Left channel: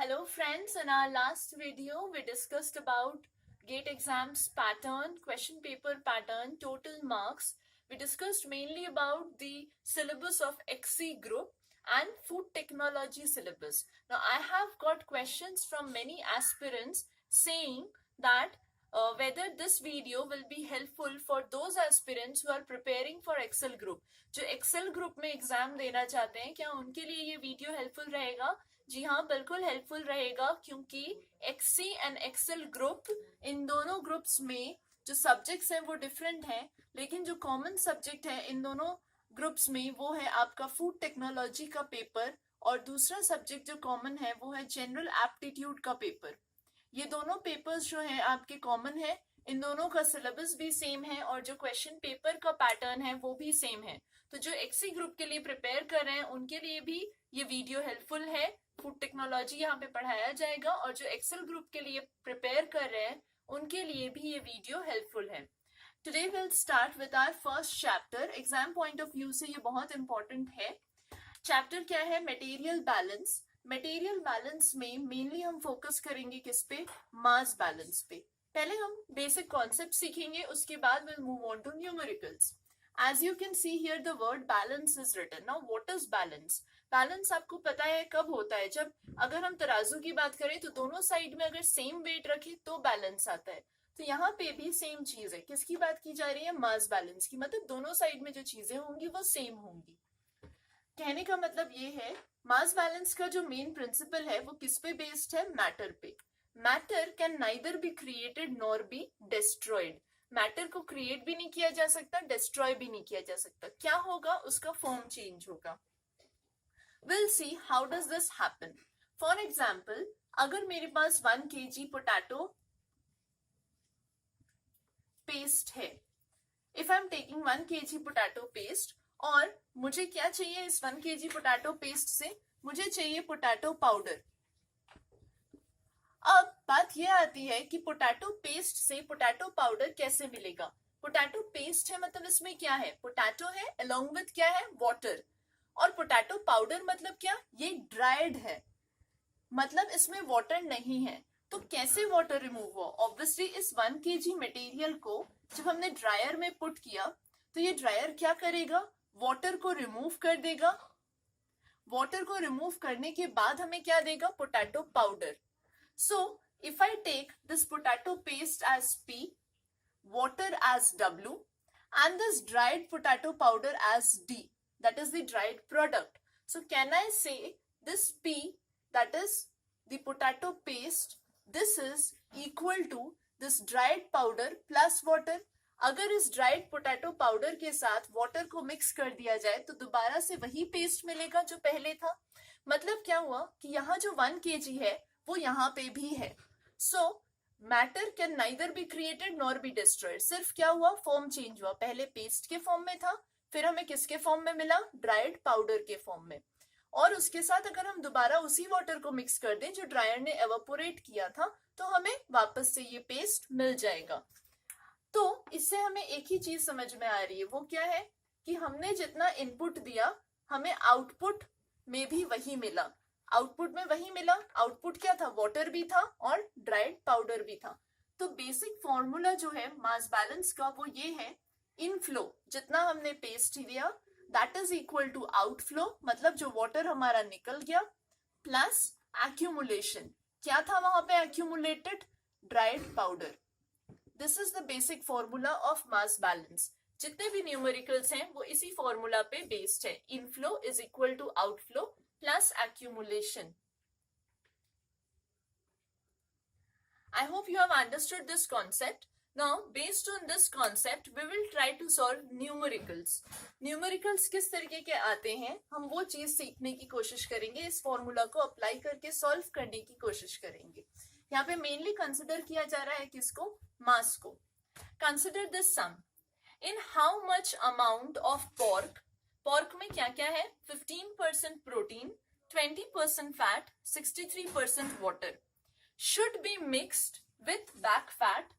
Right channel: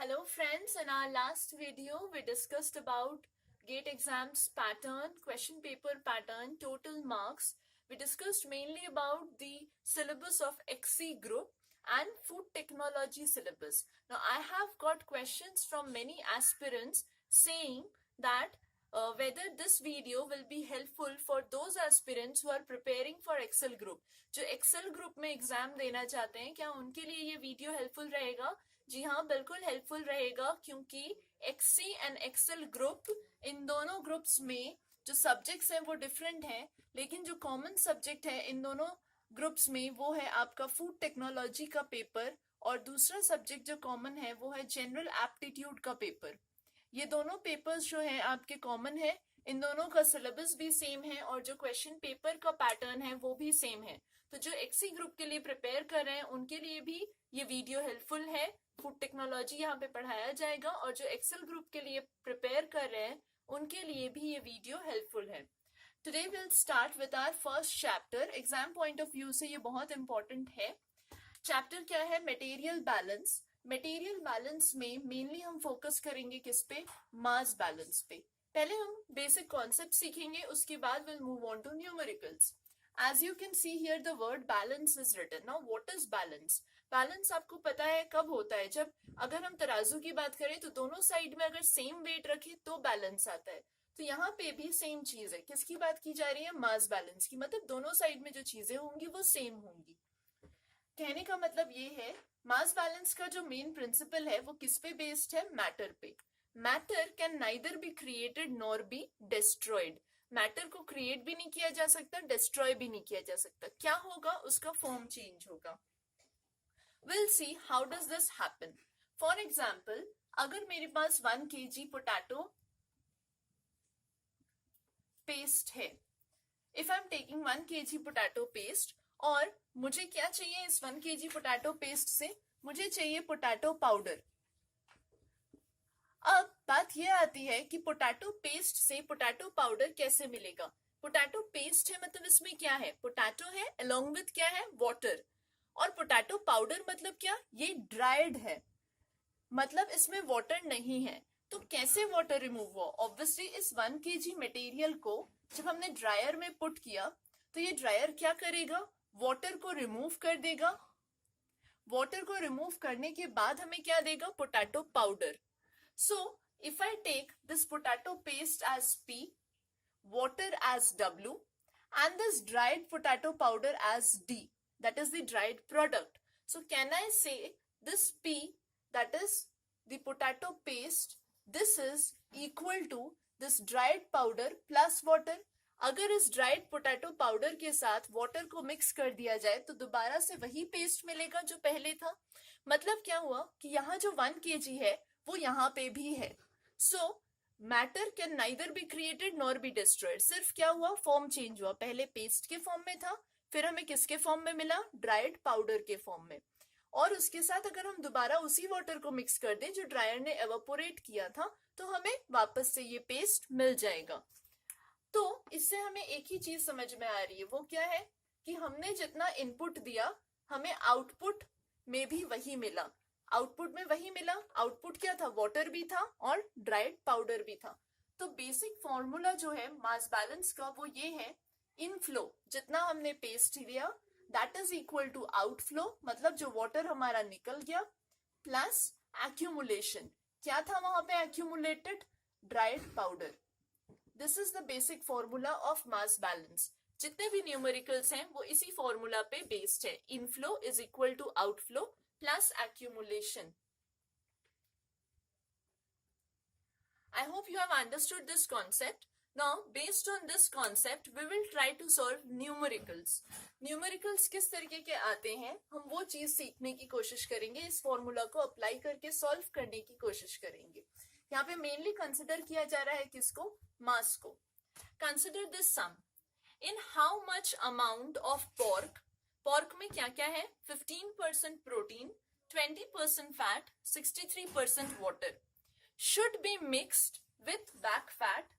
Hello friends, in our last video we discussed about GATE exams pattern, question paper pattern, total marks. We discussed mainly about the syllabus of XC group and food technology syllabus. Now I have got questions from many aspirants saying that whether this video will be helpful for those aspirants who are preparing for Excel group. जो Excel group में exam देना चाहते हैं, क्या उनके लिए ये video helpful रहेगा? जी हाँ, बिल्कुल हेल्पफुल रहेगा, क्योंकि एक्सी एंड एक्सेल ग्रुप, इन दोनों ग्रुप्स में जो सब्जेक्ट्स हैं वो डिफरेंट हैं, लेकिन जो कॉमन सब्जेक्ट है इन दोनों ग्रुप्स में वो है आपका फूड टेक्नोलॉजी का पेपर, और दूसरा सब्जेक्ट जो कॉमन है वो है जनरल एप्टीट्यूड का पेपर। ये दोनों पेपर्स जो है आपके कॉमन है, इन दोनों का सिलेबस भी सेम है और जो क्वेश्चन पेपर का पैटर्न है वो भी सेम है। तो जो एक्सी ग्रुप के लिए प्रिपेयर कर रहे हैं उनके लिए भी ये वीडियो हेल्पफुल है। फूड टेक्नोलॉजी यहाँ पे पढ़ाया जाएगा, और जो एक्सेल ग्रुप के लिए प्रिपेयर कर रहे हैं उनके लिए भी ये वीडियो हेल्पफुल है। Today will start with our first chapter. Exam point of view से ये बहुत इंपॉर्टेंट है। चैप्टर क्या है? Material balance. मटेरियल बैलेंस में मेनली हम फोकस करेंगे किस पे? मास बैलेंस पे। पहले हम बेसिक कॉन्सेप्ट सीखेंगे, उसके बाद will move on to numericals. As you can see here, the word balance is written. Now, what is balance? Balance आपको पता है कब होता है? जब अगर हम तराजू की बात करें तो दोनों साइड में अगर सेम वेट रखे तो बैलेंस आता है। तो यहाँ पे भी सेम चीज है। किसकी बात की जा रही है? मास बैलेंस की। मतलब दोनों साइड में जो चीजें होंगी वो सेम होंगी। कहने का मतलब ये है, मास बैलेंस का जो मेन प्रिंसिपल है वो किस पे बेस्ड है? मैटर पे। Matter can neither be created nor be destroyed. Matter को क्रिएट भी नहीं किया जा सकता, डिस्ट्रॉय भी नहीं किया जा सकता। क्या होगा? उसका फॉर्म चेंज होगा। We'll see how does this happen. For example, अगर मेरे पास 1 kg पोटैटो पेस्ट है, if I'm taking 1 kg potato paste, और मुझे क्या चाहिए इस 1 kg पोटैटो पेस्ट से? मुझे चाहिए पोटैटो पाउडर। अब बात यह आती है कि पोटैटो पेस्ट से पोटैटो पाउडर कैसे मिलेगा? पोटैटो पेस्ट है मतलब इसमें क्या है? पोटैटो है, अलोंग विथ क्या है? वाटर। और पोटैटो पाउडर मतलब क्या? ये ड्राइड है, मतलब इसमें वाटर नहीं है। तो कैसे वाटर रिमूव हुआ? ऑब्वियसली इस 1 kg मटेरियल को जब हमने ड्रायर में पुट किया तो ये ड्रायर क्या करेगा? वाटर को रिमूव कर देगा। वाटर को रिमूव करने के बाद हमें क्या देगा? Potato powder. So, if I take this potato paste as P, water as W, and this dried potato powder as D, that is the dried product. So, can I say this P, that is the potato paste, this is equal to this dried powder plus water? अगर इस dried potato powder के साथ water को mix कर दिया जाए तो दोबारा से वही पेस्ट मिलेगा जो पहले था। मतलब क्या हुआ कि यहाँ जो 1 kg है वो यहाँ पे भी है। सो matter can neither be created nor be destroyed. सिर्फ क्या हुआ? फॉर्म चेंज हुआ। पहले पेस्ट के फॉर्म में था, फिर हमें किसके फॉर्म में मिला? ड्राइड पाउडर के फॉर्म में। और उसके साथ अगर हम दोबारा उसी वाटर को मिक्स कर दें जो ड्रायर ने एवापोरेट किया था तो हमें वापस से ये पेस्ट मिल जाएगा। तो इससे हमें एक ही चीज समझ में आ रही है, वो क्या है कि हमने जितना इनपुट दिया हमें आउटपुट में भी वही मिला। आउटपुट में वही मिला। आउटपुट क्या था? वाटर भी था और ड्राइड पाउडर भी था। तो बेसिक फॉर्मूला जो है मास बैलेंस का वो ये है, इनफ्लो जितना हमने पेस्ट लिया that is equal to outflow, मतलब जो वाटर हमारा निकल गया, प्लस एक्यूमुलेशन। क्या था वहां पे accumulated? Dried powder. This is the basic formula of mass balance. जितने भी न्यूमेरिकल्स हैं वो इसी फॉर्मूला पे बेस्ड है। Inflow is equal to outflow plus accumulation. I hope you have understood this concept. Now, based on this concept, we will try to solve numericals. Numericals किस तरीके के आते हैं, हम वो चीज सीखने की कोशिश करेंगे। इस फॉर्मूला को अप्लाई करके सॉल्व करने की कोशिश करेंगे। यहाँ पे मेनली कंसिडर किया जा रहा है किसको? मास को। Consider this sum. In how much amount of pork, pork में क्या क्या है? 15% protein, 20% fat, 63% water, should be mixed with back fat.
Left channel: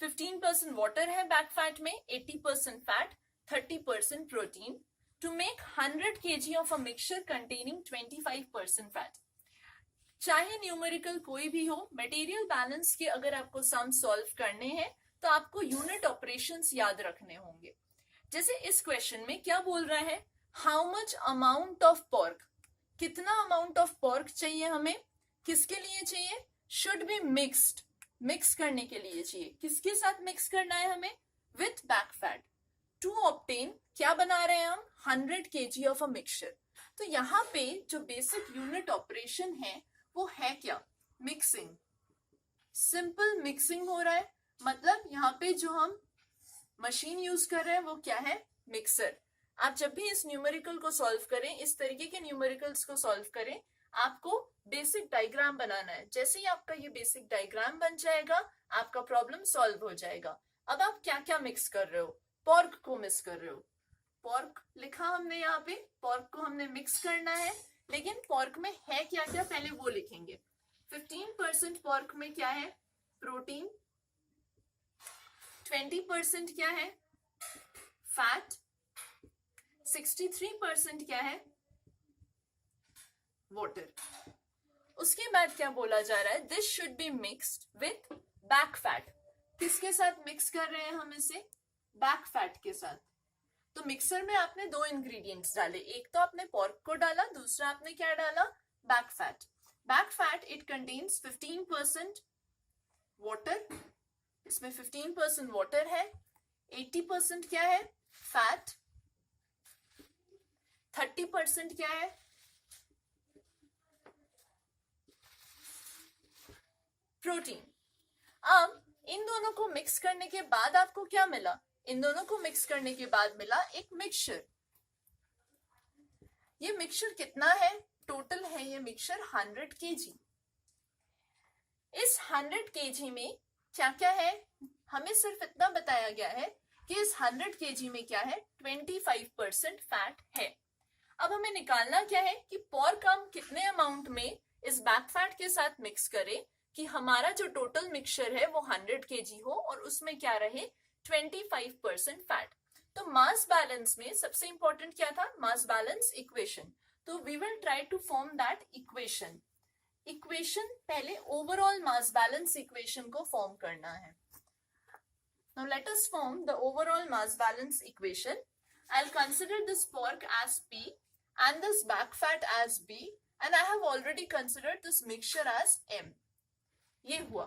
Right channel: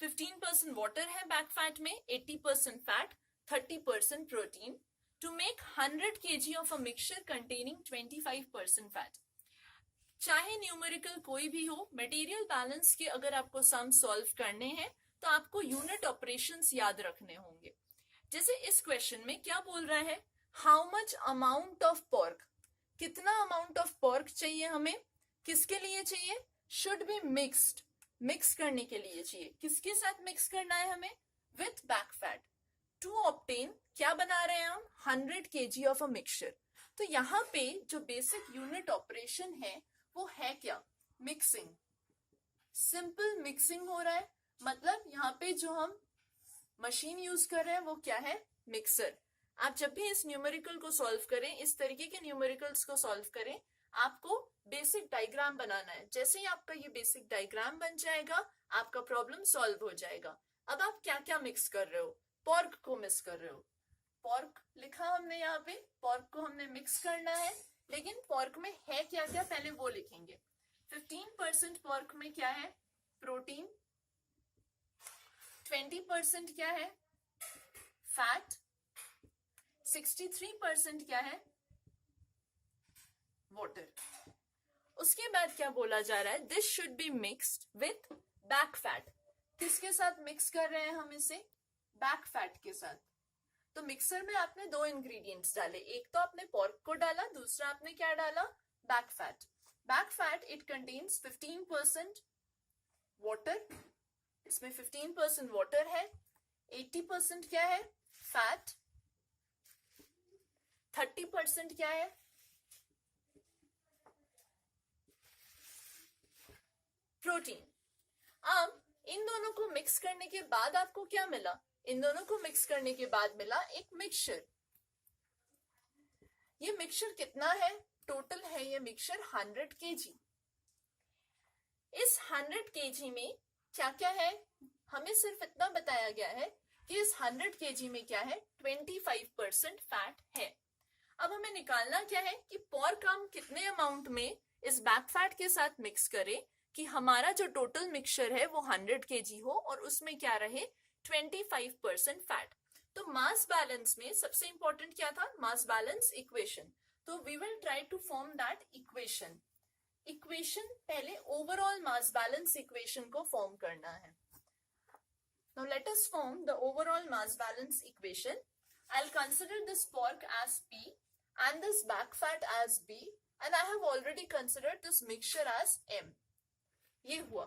15% water है बैक फैट में, 80% fat, 30% protein, to make 100 kg of a mixture containing 25% fat. चाहे numerical कोई भी हो, मटेरियल बैलेंस के अगर आपको सम सॉल्व करने हैं तो आपको यूनिट ऑपरेशंस याद रखने होंगे। जैसे इस क्वेश्चन में क्या बोल रहा है, how much amount of pork, कितना अमाउंट ऑफ पोर्क चाहिए हमें, किसके लिए चाहिए, शुड बी मिक्स्ड, मिक्स करने के लिए चाहिए। किसके साथ मिक्स करना है हमें, with back fat, to obtain, क्या बना रहे हैं हम, 100 kg ऑफ अ मिक्सचर। तो यहाँ पे जो बेसिक यूनिट ऑपरेशन है वो है क्या, मिक्सिंग, सिंपल मिक्सिंग हो रहा है। मतलब यहाँ पे जो हम मशीन यूज कर रहे हैं वो क्या है, मिक्सर। आप जब भी इस न्यूमेरिकल को सॉल्व करें, इस तरीके के न्यूमेरिकल्स को सॉल्व करें, आपको बेसिक डायग्राम बनाना है। जैसे ही आपका ये बेसिक डायग्राम बन जाएगा आपका प्रॉब्लम सॉल्व हो जाएगा। अब आप क्या क्या मिक्स कर रहे हो, पोर्क को मिक्स कर रहे हो, पोर्क लिखा हमने यहाँ पे, पोर्क को हमने मिक्स करना है। लेकिन पोर्क में है क्या क्या पहले वो लिखेंगे। 15% पोर्क में क्या है, प्रोटीन, 20% क्या है, फैट, 63% क्या है, वाटर। उसके बाद क्या बोला जा रहा है, this should be mixed with back fat. किसके साथ मिक्स कर रहे हैं हम इसे, बैक फैट के साथ। तो मिक्सर में आपने दो इंग्रेडिएंट्स डाले, एक तो आपने पोर्क को डाला, दूसरा आपने क्या डाला, back fat. Back fat it contains 15% water, इसमें 15% वाटर है, 80% क्या है, फैट, 30% क्या है, प्रोटीन। अब इन दोनों को मिक्स करने के बाद आपको क्या मिला, इन दोनों को मिक्स करने के बाद मिला एक मिक्सचर। ये मिक्सचर कितना है, टोटल है ये मिक्सचर 100 kg। इस 100 kg में क्या क्या है, हमें सिर्फ इतना बताया गया है कि इस 100 kg में क्या है, 25% फैट है। अब हमें निकालना क्या है कि पोर्क हम कितने अमाउंट में इस बैक फैट के साथ मिक्स करें कि हमारा जो टोटल मिक्सचर है वो 100 kg हो और उसमें क्या रहे, 25% फैट। तो मास बैलेंस में सबसे इंपॉर्टेंट क्या था, मास बैलेंस इक्वेशन। तो we will try to form that equation. Equation पहले ओवरऑल मास बैलेंस इक्वेशन को फॉर्म करना है। Now let us form the overall mass balance equation. I'll consider this pork as P and this back fat as B, and I have already considered this mixture as M. ये हुआ।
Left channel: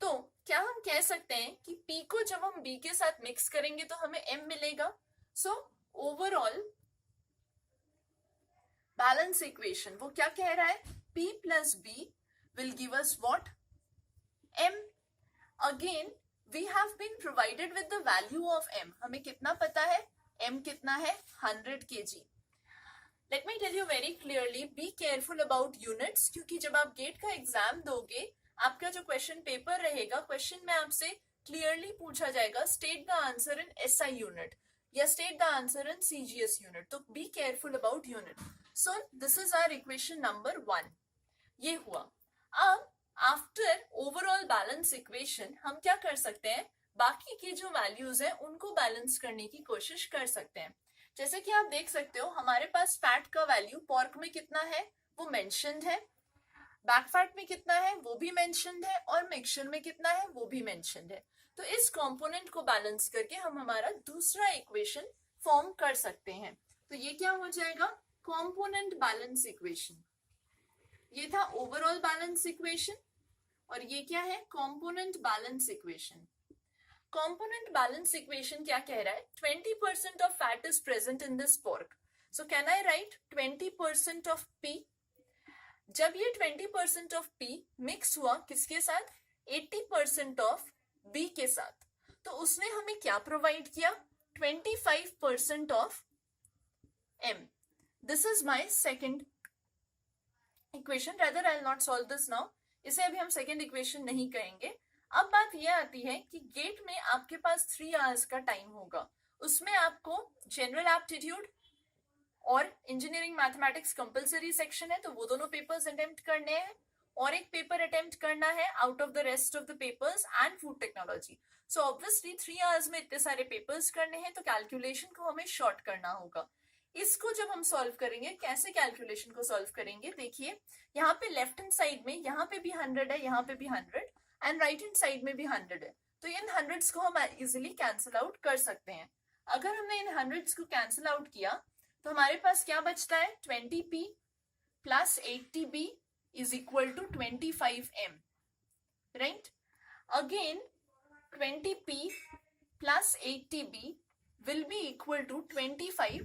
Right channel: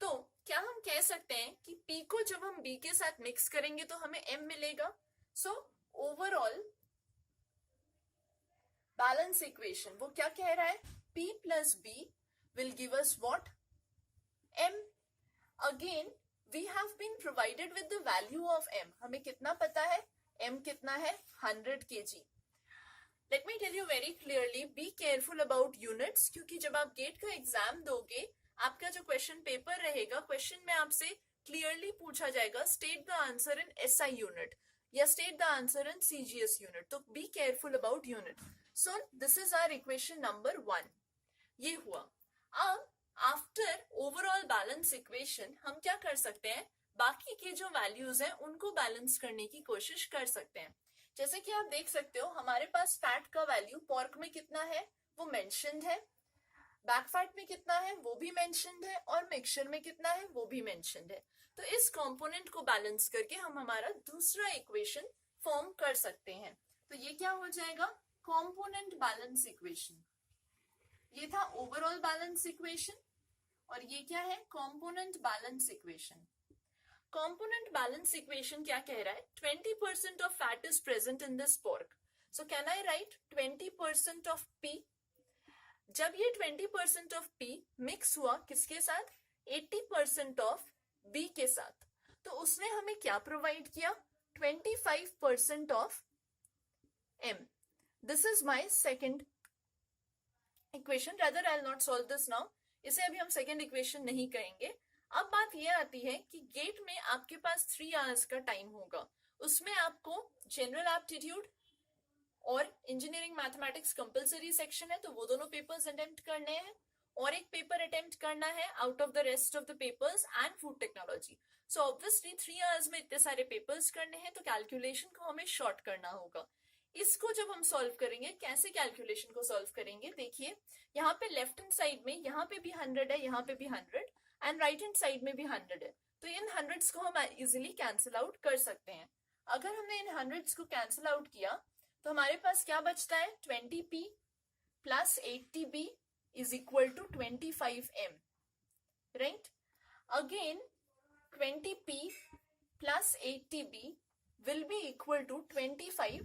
तो क्या हम कह सकते हैं कि P को जब हम B के साथ मिक्स करेंगे तो हमें M मिलेगा। So overall balance equation वो क्या कह रहा है, P plus B will give us what, M. Again we have been provided with the value of M. हमें कितना पता है, M कितना है, 100 kg. Let me tell you very clearly, be careful about units, क्योंकि जब आप गेट का एग्जाम दोगे आपका जो क्वेश्चन पेपर रहेगा, क्वेश्चन में आपसे क्लियरली पूछा जाएगा state the answer in SI unit या state the answer in CGS unit. तो be careful about unit. So this is our equation number 1। ये हुआ। अब आफ्टर ओवरऑल बैलेंस इक्वेशन हम क्या कर सकते हैं, बाकी के जो वैल्यूज हैं उनको बैलेंस करने की कोशिश कर सकते हैं। जैसे कि आप देख सकते हो हमारे पास फैट का वैल्यू पोर्क में कितना है वो मेंशन्ड है, बैक फैट में कितना है वो भी मेंशन्ड है, और मिक्सचर में कितना है वो भी मेंशन्ड है। तो इस कंपोनेंट को बैलेंस करके हम हमारा दूसरा इक्वेशन फॉर्म कर सकते हैं। तो ये क्या हो जाएगा, कंपोनेंट बैलेंस इक्वेशन। ये था ओवरऑल बैलेंस इक्वेशन और ये क्या है, component balance equation. Component balance equation क्या कह रहा है, 20% of fat is present in this pork, so can I right 20% of P। जब ये 20% ऑफ P मिक्स हुआ किसके साथ, 80% ऑफ B के साथ, तो उसने हमें क्या प्रोवाइड किया, 25% of M। This is my second equation, rather I will not solve this now, इसे अभी हम सेकेंड इक्वेशन नहीं कहेंगे। अब बात यह आती है कि गेट में आपके पास 3 आवर्स का टाइम होगा, उसमें आपको जनरल एप्टीट्यूड और इंजीनियरिंग मैथमेटिक्स कंपलसरी सेक्शन है, तो वो दोनों पेपर्स अटेम्प्ट करने हैं, और एक पेपर अटेम्प्ट करना है out of the rest of the papers and food technology. So obviously 3 hours में इतने सारे पेपर्स करने हैं तो कैलकुलेशन को हमें शॉर्ट करना होगा। इसको जब हम सॉल्व करेंगे, कैसे कैलकुलेशन को सॉल्व करेंगे, देखिए यहाँ पे लेफ्ट हैंड साइड में यहाँ पे भी 100 है, यहाँ पे भी 100 एंड राइट हैंड साइड में भी 100 है, तो इन हंड्रेड्स को हम इजिली कैंसिल आउट कर सकते हैं। अगर हमने इन हंड्रेड्स को कैंसिल आउट किया तो हमारे पास क्या बचता है, 20p plus 80b is equal to 25m, right. Again 20p plus 80b will be equal to 25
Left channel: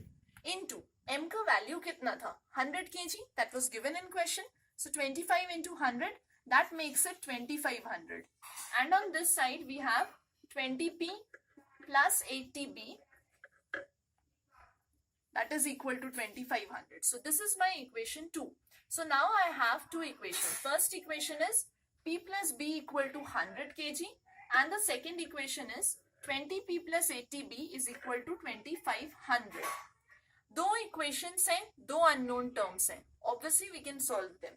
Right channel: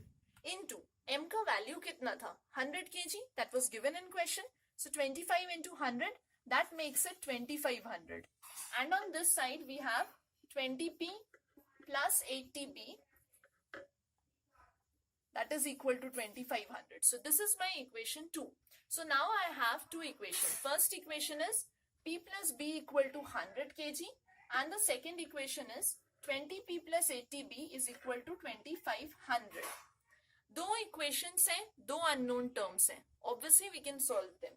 into m का वैल्यू कितना था, 100 kg, that was given in question, so 25 into 100, that makes it 2500, and on this side we have 20p plus 80b, that is equal to 2500. So this is my equation 2. So now I have two equations. First equation is p plus b equal to 100 kg, and the second equation is 20p plus 80b is equal to 2500. दो equations हैं, दो unknown terms हैं, obviously we can solve them.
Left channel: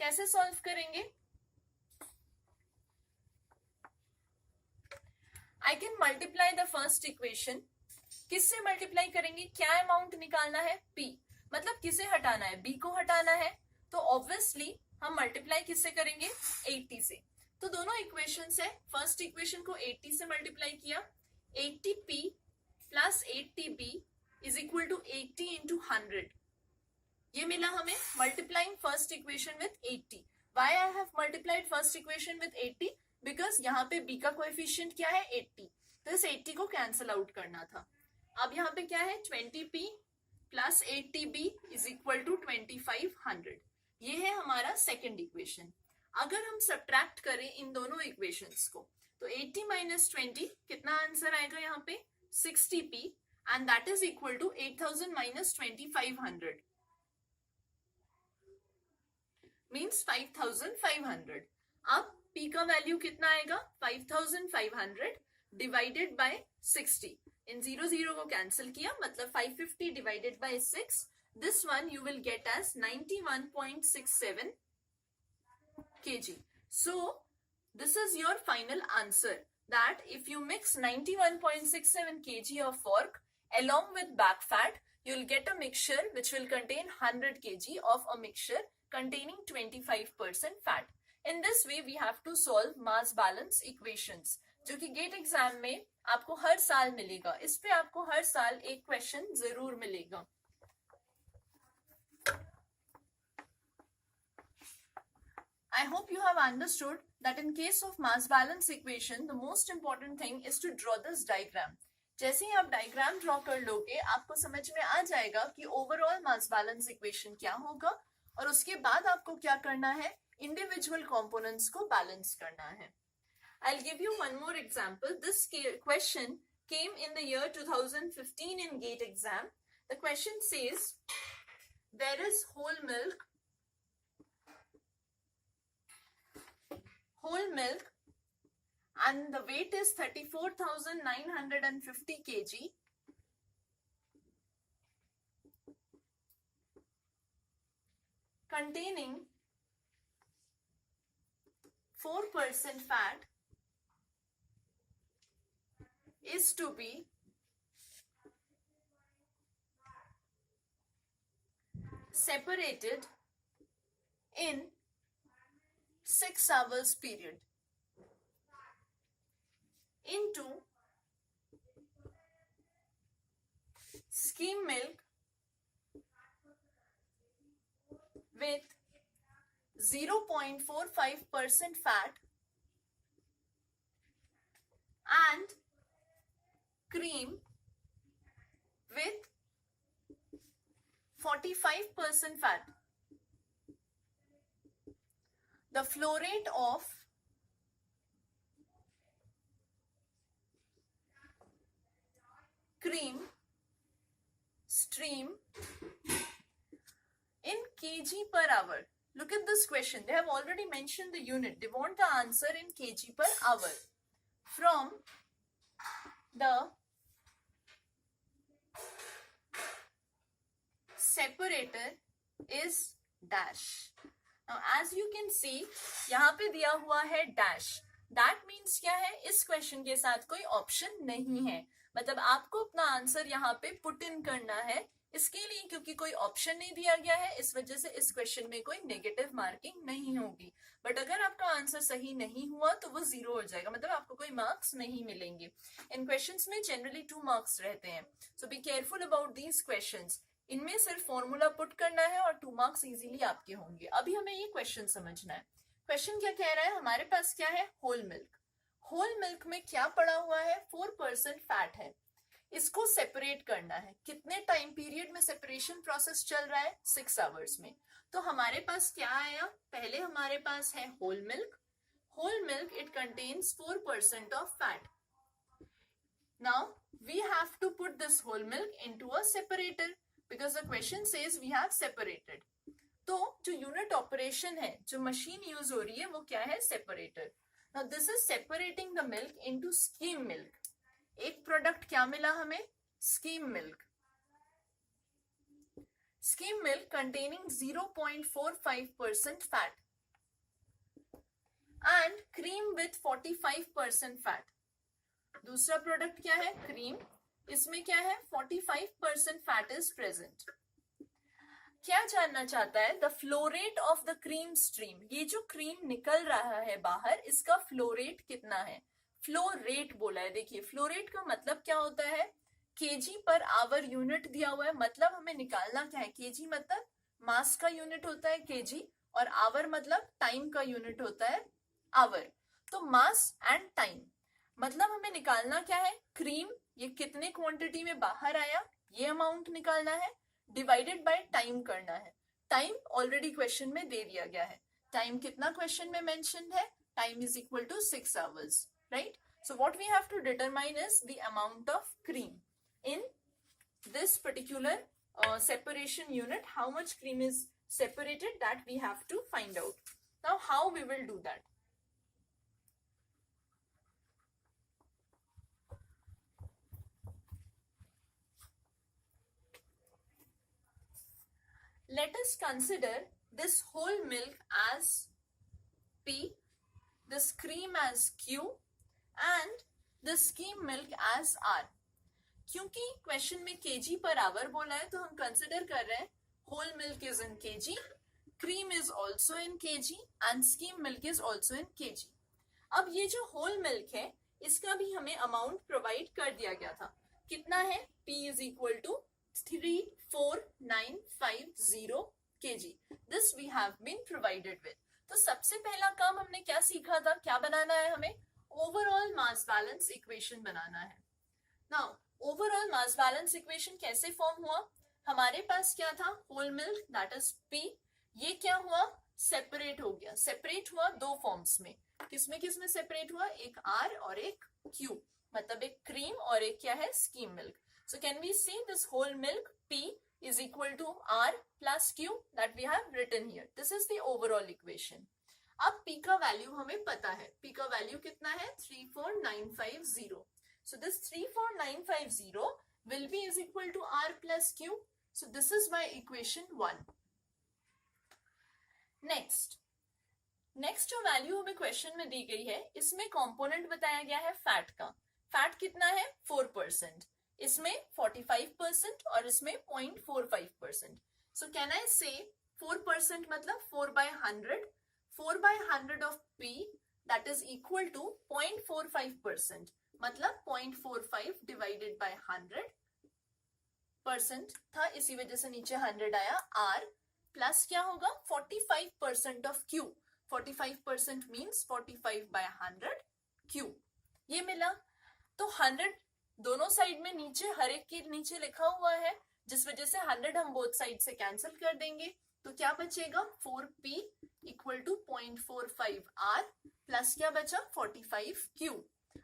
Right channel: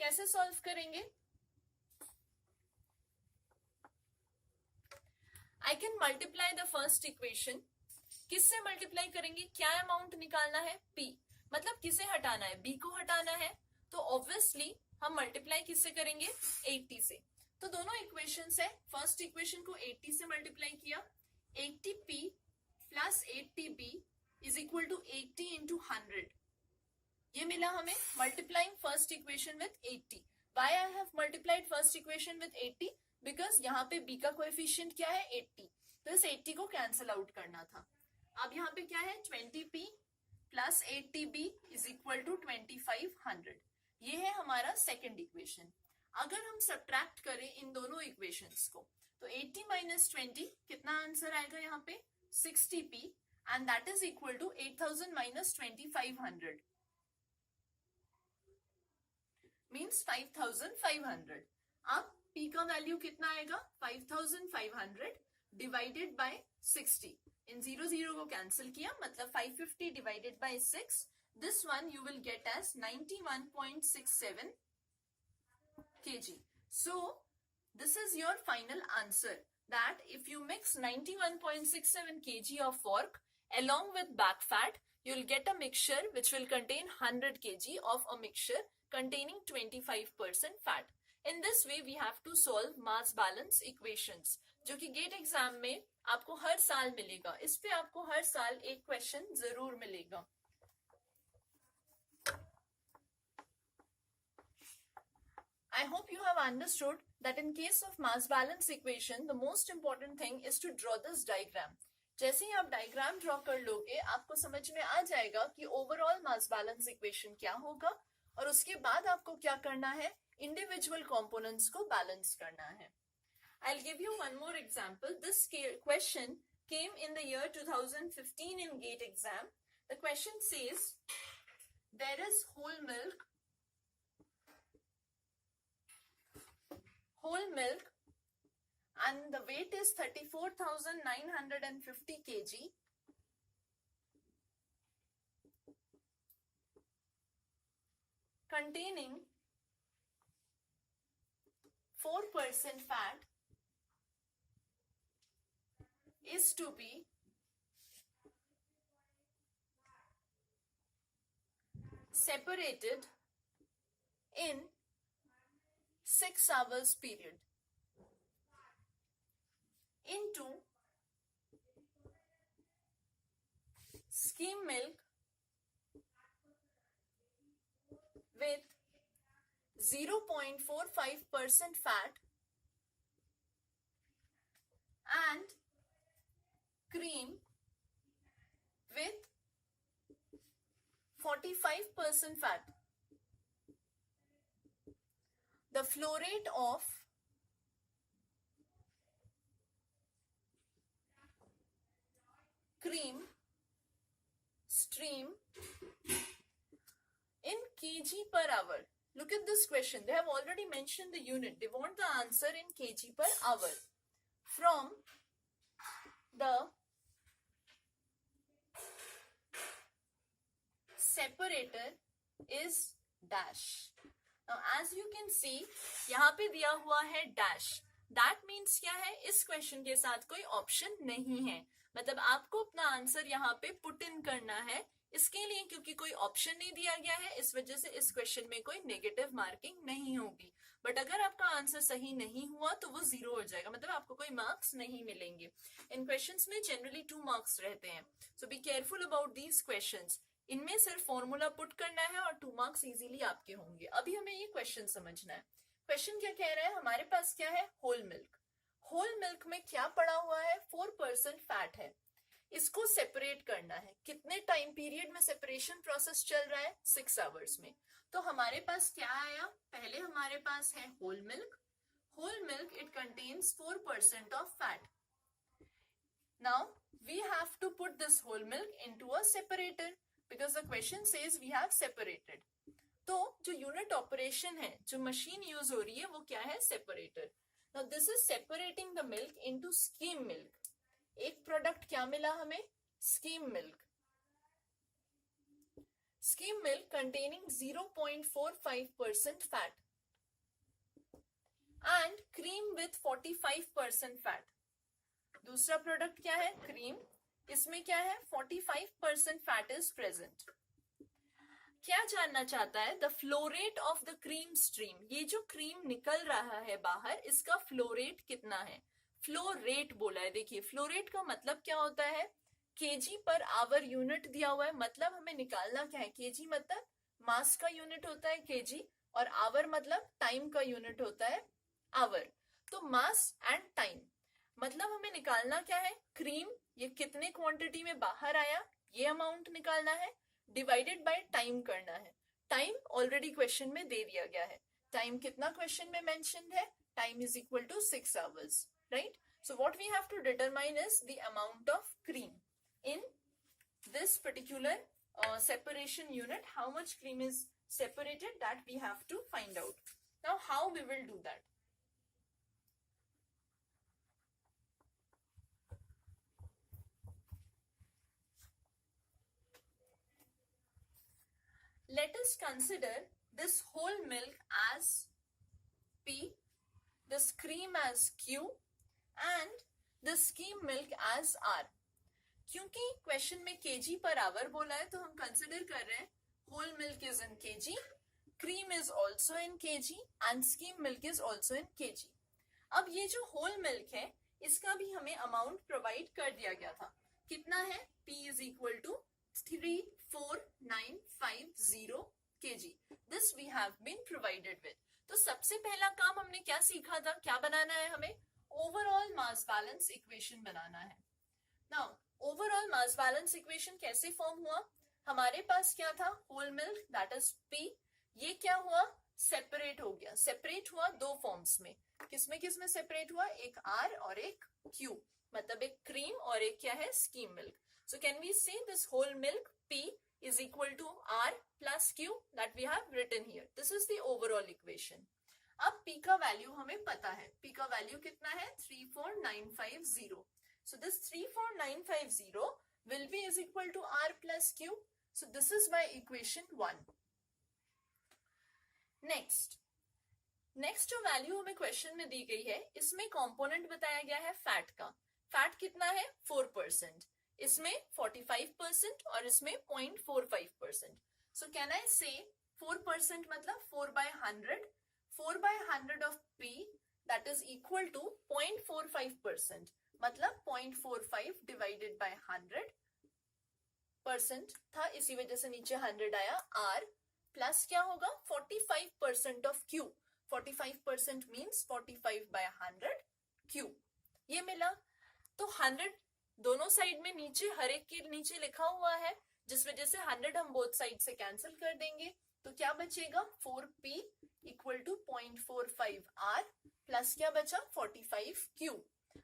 कैसे solve करेंगे, I can multiply the first equation. किससे multiply करेंगे, क्या amount निकालना है, p, मतलब किसे हटाना है, b को हटाना है, तो ऑब्वियसली हम मल्टीप्लाई किससे करेंगे, 80 से। तो दोनों इक्वेशंस है, फर्स्ट इक्वेशन को 80 से मल्टीप्लाई किया, 80p plus 80b is equal to 80 into 100, ये मिला हमें, multiplying first equation with 80. Why I have multiplied first equation with 80? Because यहाँ पे b का कोएफिशिएंट क्या है, 80, तो इस 80 को कैंसिल आउट करना था। अब यहाँ पे क्या है, 20p plus 80b is equal to 2500, ये है हमारा सेकेंड इक्वेशन। अगर हम सब्ट्रैक्ट करें इन दोनों इक्वेशंस को, तो 80 माइनस 20 कितना आंसर आएगा यहाँ पे, 60p, and that is equal to 8000 minus 2500 means 5500. अब p का वैल्यू कितना आएगा, 5500 divided by 60, इन 0 को कैंसिल किया, मतलब 550 divided by 6, this one you will get as 91.67 kg. So this is your final answer, that if you mix 91.67 kg of pork along with back fat, you will get a mixture which will contain 100 kg of a mixture containing 25% fat. In this way we have to solve mass balance equations, जो कि gate exam में आपको हर साल मिलेगा, इस पे आपको हर साल एक क्वेश्चन जरूर मिलेगा। I hope you have understood that in case of mass balance equation, the most important thing is to draw this diagram. जैसे ही आप डायग्राम ड्रॉ कर लोगे, आपको समझ में आ जाएगा कि ओवरऑल मास बैलेंस इक्वेशन क्या होगा, और उसके बाद आपको क्या करना है, इंडिविजुअल कंपोनेंट्स को बैलेंस करना है। I'll give you one more example. This question came in the year 2015 in GATE exam. The question says, there is whole milk and the weight is 34,950 kg, containing 4% fat, is to be separated in 6 hours period into skim milk with 0.45% fat and cream with 45% fat. The flow rate of cream stream in kg per hour. Look at this question. They have already mentioned the unit. They want the answer in kg per hour. From the separator is dash. Now as you can see, यहाँ पे दिया हुआ है dash. That means क्या है, इस question के साथ कोई ऑप्शन नहीं है, मतलब आपको अपना आंसर यहाँ पे पुट इन करना है इसके लिए क्योंकि कोई ऑप्शन नहीं दिया गया है, इस वजह से इस क्वेश्चन में कोई नेगेटिव मार्किंग नहीं होगी। बट अगर आपका आंसर सही नहीं हुआ तो वो 0 हो जाएगा, मतलब आपको कोई मार्क्स नहीं मिलेंगे। इन क्वेश्चंस में जनरली 2 मार्क्स रहते हैं, so be careful about these questions. इनमें सिर्फ फॉर्मूला पुट करना है और 2 मार्क्स इजीली आपके होंगे। अभी हमें ये क्वेश्चन समझना है। क्वेश्चन क्या कह रहा है, हमारे पास क्या है, होल मिल्क। होल मिल्क में क्या पड़ा हुआ है, 4% फैट है। इसको सेपरेट करना है। कितने टाइम पीरियड में सेपरेशन प्रोसेस चल रहा है, 6 आवर्स में। तो हमारे पास क्या आया, पहले हमारे पास है whole milk. Whole milk it contains 4% of fat. Now we have to put this whole milk into a separator because the question says we have separated. तो जो यूनिट ऑपरेशन है, जो मशीन यूज हो रही है, वो क्या है, separator. Now this is separating the milk into scheme milk. एक प्रोडक्ट क्या मिला हमें, scheme milk. Scheme milk containing 0.45% fat and cream with 45% fat. दूसरा प्रोडक्ट क्या है, क्रीम। इसमें क्या है, 45% फैट इज प्रेजेंट। क्या जानना चाहता है, the flow rate of the cream stream. ये जो क्रीम निकल रहा है बाहर, इसका फ्लो रेट कितना है। फ्लो रेट बोला है। देखिए फ्लो रेट का मतलब क्या होता है, केजी पर आवर यूनिट दिया हुआ है, मतलब हमें निकालना क्या है, केजी मतलब मास का यूनिट होता है केजी, और आवर मतलब टाइम का यूनिट होता है आवर। तो मास एंड टाइम, मतलब हमें निकालना क्या है, क्रीम ये कितने क्वांटिटी में बाहर आया, ये अमाउंट निकालना है, डिवाइडेड बाय टाइम करना है। टाइम ऑलरेडी क्वेश्चन में दे दिया गया है। टाइम कितना क्वेश्चन में मेंशन है, time is equal to 6 hours, right? So what we have to determine is the amount of cream in this particular separation unit. How much cream is separated, that we have to find out. Now how we will do that? Let us consider this whole milk as P, this cream as Q and the skim milk as R. क्योंकि question में kg पर hour बोला है, तो हम consider कर रहे हैं whole milk is in kg, cream is also in kg and skim milk is also in kg. अब ये जो होल मिल्क है, इसका भी हमें अमाउंट प्रोवाइड कर दिया गया था। कितना है, P is equal to 34950 kg. This we have been provided with. तो सबसे पहला काम हमने क्या सीखा था, क्या बनाना है हमें, ओवरऑल मास बैलेंस इक्वेशन बनाना है। Now overall mass balance equation कैसे फॉर्म हुआ, हमारे पास क्या था, whole milk that is P, ये क्या हुआ, सेपरेट हो गया। सेपरेट हुआ दो फॉर्म्स में, किसमें सेपरेट हुआ, एक R और एक Q, मतलब एक क्रीम और एक क्या है, scheme milk. So can we say this whole milk P is equal to R plus Q that we have written here. This is the overall equation. अब P का वैल्यू हमें पता है, P का वैल्यू कितना है, 34950. So this 34950 will be is equal to R plus Q. So this is my equation 1. Next जो value हमें क्वेश्चन में दी गई है, इसमें कंपोनेंट बताया गया है फैट का। फैट कितना है, 4%, इसमें 45% और इसमें 0.45%. So can I say 4% मतलब 4/100, 4/100 of P that is equal to 0.45%, मतलब 0.45 divided by 100% था, इसी वजह से नीचे 100 आया। R प्लस क्या होगा, 45% of Q, 45% means 45/100 Q, ये मिला। तो 100 दोनों साइड में नीचे, हर एक के नीचे लिखा हुआ है, जिस वजह से 100 हम बोथ साइड से कैंसिल कर देंगे, तो क्या बचेगा, 4P equal to 0.45R plus क्या बचा, 45Q।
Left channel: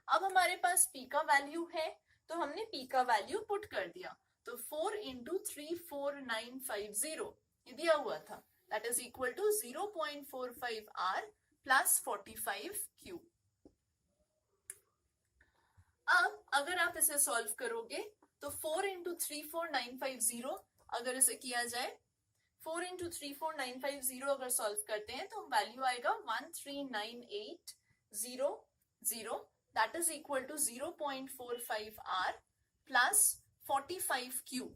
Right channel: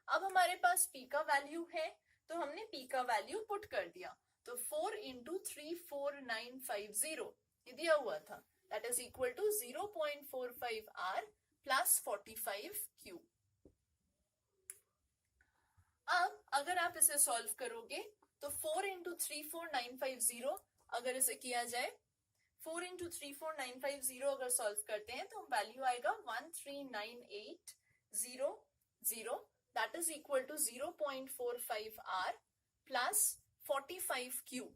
अब हमारे पास P का वैल्यू है, तो हमने P का वैल्यू पुट कर दिया, तो 4 into 34950 ये दिया हुआ था, that is equal to 0.45R plus 45Q। अब अगर आप इसे सॉल्व करोगे तो 4 into 34950 अगर इसे किया जाए, 4 into 34950 अगर सॉल्व करते हैं तो वैल्यू आएगा 13980, that is equal to 0.45R plus 45Q।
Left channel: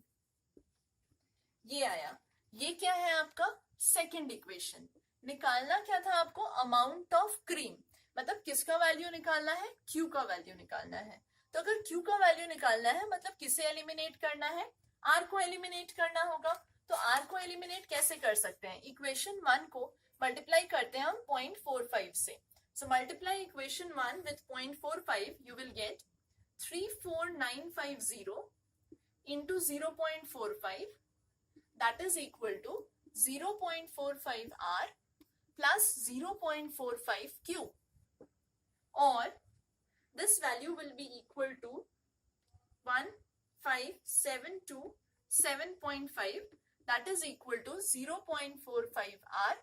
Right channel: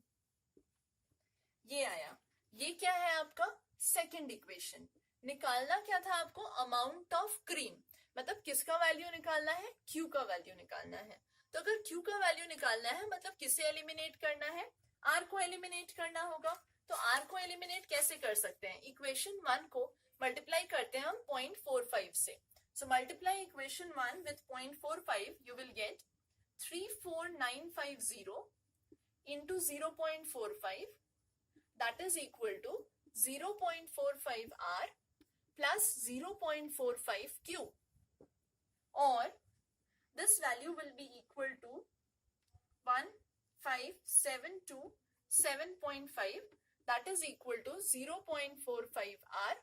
ये आया, ये क्या है आपका सेकंड इक्वेशन। निकालना क्या था आपको, अमाउंट ऑफ क्रीम, मतलब किसका वैल्यू निकालना है, Q का वैल्यू निकालना है। तो अगर Q का वैल्यू निकालना है मतलब किसे एलिमिनेट करना है, R को एलिमिनेट करना होगा। तो R को एलिमिनेट कैसे कर सकते हैं, इक्वेशन 1 को मल्टीप्लाई करते हैं हम 0.45 से। So multiply equation 1 with 0.45, you will get 34950 into 0.45, that is equal to 0.45 R plus 0.45 Q, or this value will be equal to 1572.7.5, that is equal to 0.45 R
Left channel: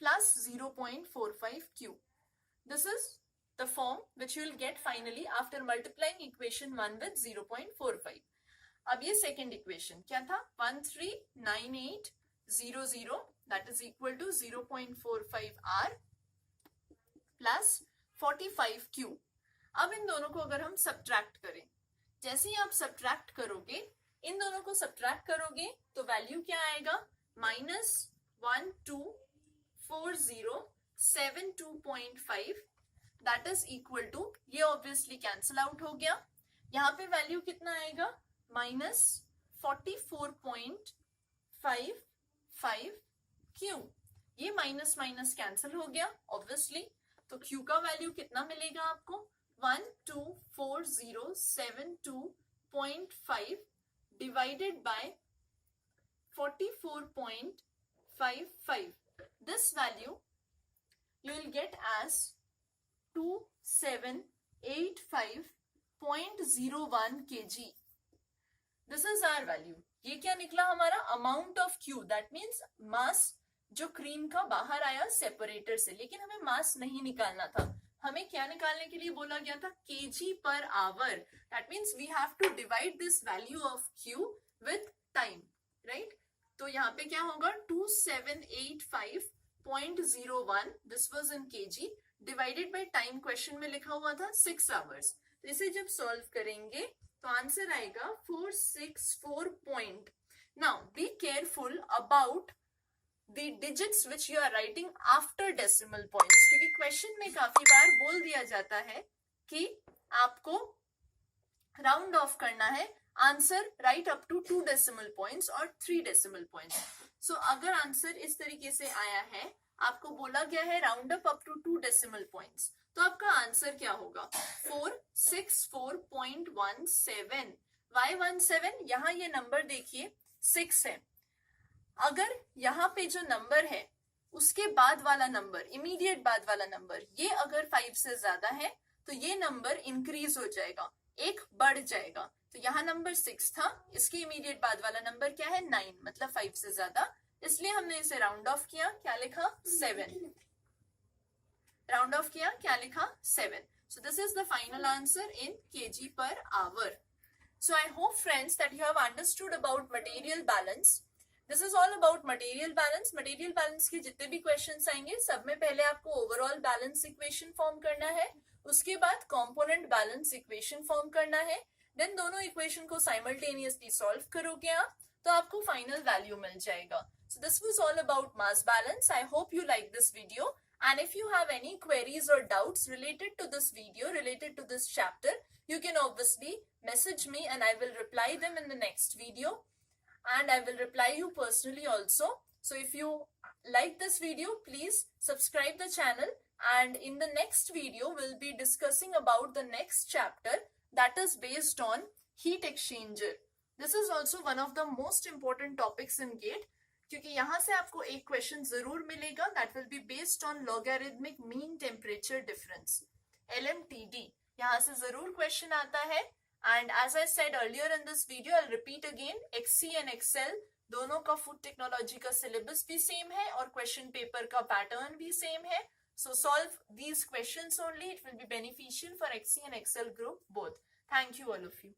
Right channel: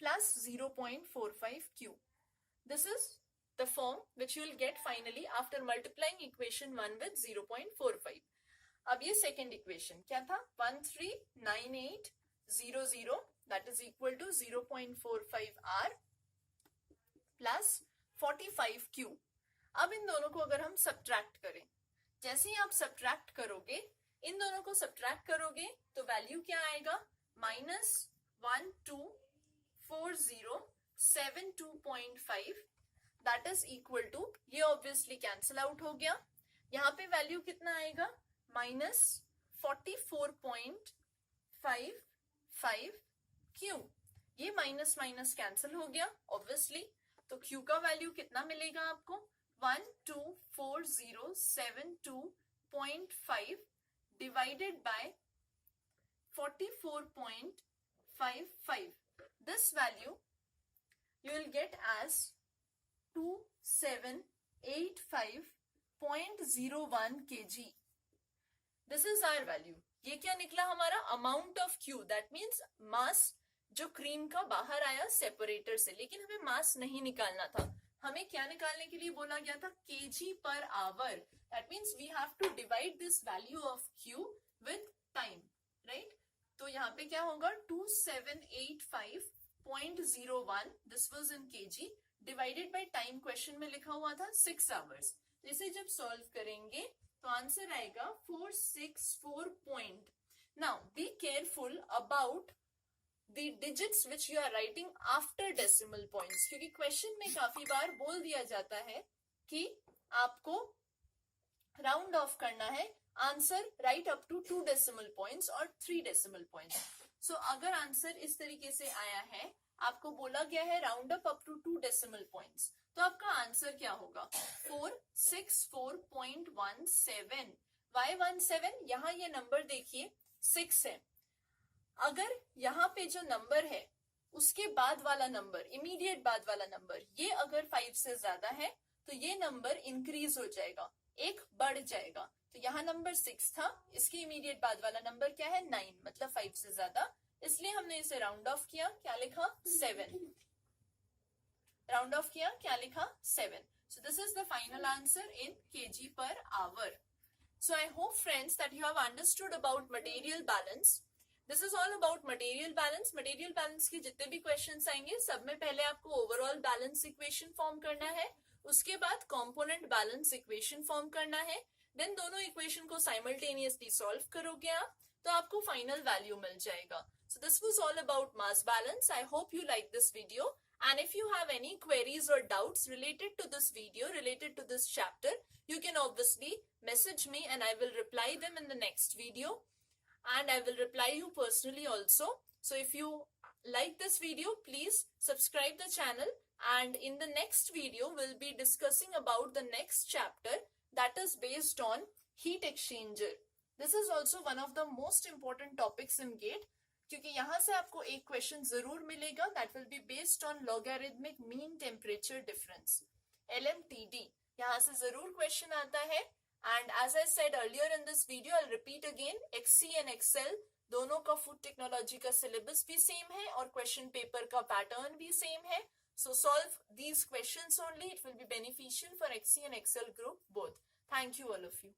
plus 0.45 Q. This is the form which you will get finally after multiplying equation 1 with 0.45. अब ये second equation क्या था, 139800, that is equal to 0.45 R plus 45 Q. अब इन दोनों को अगर हम subtract करें, जैसे ही आप सब्ट्रैक्ट करोगे, इन दोनों को सब्ट्रैक्ट करोगे तो वैल्यू क्या आएगा, -124072.5, दैट इज इक्वल टू, ये ऑब्वियसली कैंसिल आउट हो गया, यहाँ पे वैल्यू कितना आएगा, -44.55 Q। ये माइनस माइनस कैंसिल हो गया ऑब्वियसली, तो Q का वैल्यू कितना मिलेगा आपको, 124072.5 divided by 44.55. This value you will get as 2785.01 kg. This is our value. ये क्या निकला हमारा, amount of Q, that means mass जो क्रीम का बाहर आया सेपरेटर से, लेकिन हमें मास नहीं निकालना था, हमें क्या निकालने के लिए बोला गया था, kg per hour, that means we have to divide this value of Q with time, right. तो यहाँ पे क्या होगा, 2785.01, this was in kg, divided by time, question में लिखा हुआ था 6 आवर्स। तो इसे जब सॉल्व करेंगे तो आंसर आएगा 464 point. Now be careful about the digits which you are writing after decimal points, क्योंकि क्वेश्चन में काफी बार बोल दिया जाता है कि आपको राउंड ऑफ करना है, answer write up to 2 decimal points और 3 डेसिमल पॉइंट्स। सो अगर आंसर इस तरीके से आया है, आपको बोला गया है round up to 2 decimal points, तो आपका आंसर क्या होगा, 464.17। वाई 17, यहाँ ये नंबर देखिए 6 है, अगर यहाँ पे जो नंबर है उसके बाद वाला नंबर, इमीडिएट बाद वाला नंबर, ये अगर 5 से ज्यादा है तो ये नंबर इंक्रीज हो जाएगा, एक बढ़ जाएगा। तो यहाँ नंबर 6 था, इसके इमीडिएट बाद वाला नंबर क्या है, 9, मतलब 5 से ज्यादा, इसलिए हमने इसे राउंड ऑफ किया, क्या लिखा, 7, राउंड ऑफ किया, क्या लिखा, 7। So this is the final answer in kg per hour. So I hope friends that you have understood about material balance. This is all about material balance. Material balance के जितने भी questions आएंगे, सब में पहले आपको overall balance equation form करना है, उसके बाद component balance equation form करना है, then दोनों equation को simultaneously solve करोगे आप, तो आपको final value मिल जाएगा। So this was all about mass balance. I hope you like this video. And if you have any queries or doubts related to this video, related to this chapter, you can obviously message me and I will reply them in the next video. And I will reply you personally also. So if you like this video, please subscribe the channel. And in the next video, we'll be discussing about the next chapter that is based on heat exchanger. This is also one of the most important topics in GATE. क्योंकि यहाँ से आपको एक question जरूर मिलेगा, that will be based on logarithmic mean temperature difference, LMTD, यहाँ से जरूर क्वेश्चन आता है। And as I said earlier in this video, I repeat again, XC and XL दोनों का फूड टेक्नोलॉजी का सिलेबस भी सेम है और क्वेश्चन पेपर का पैटर्न भी सेम है। So solve these questions only, it will be beneficial for XC and XL group both. Thank you all of you.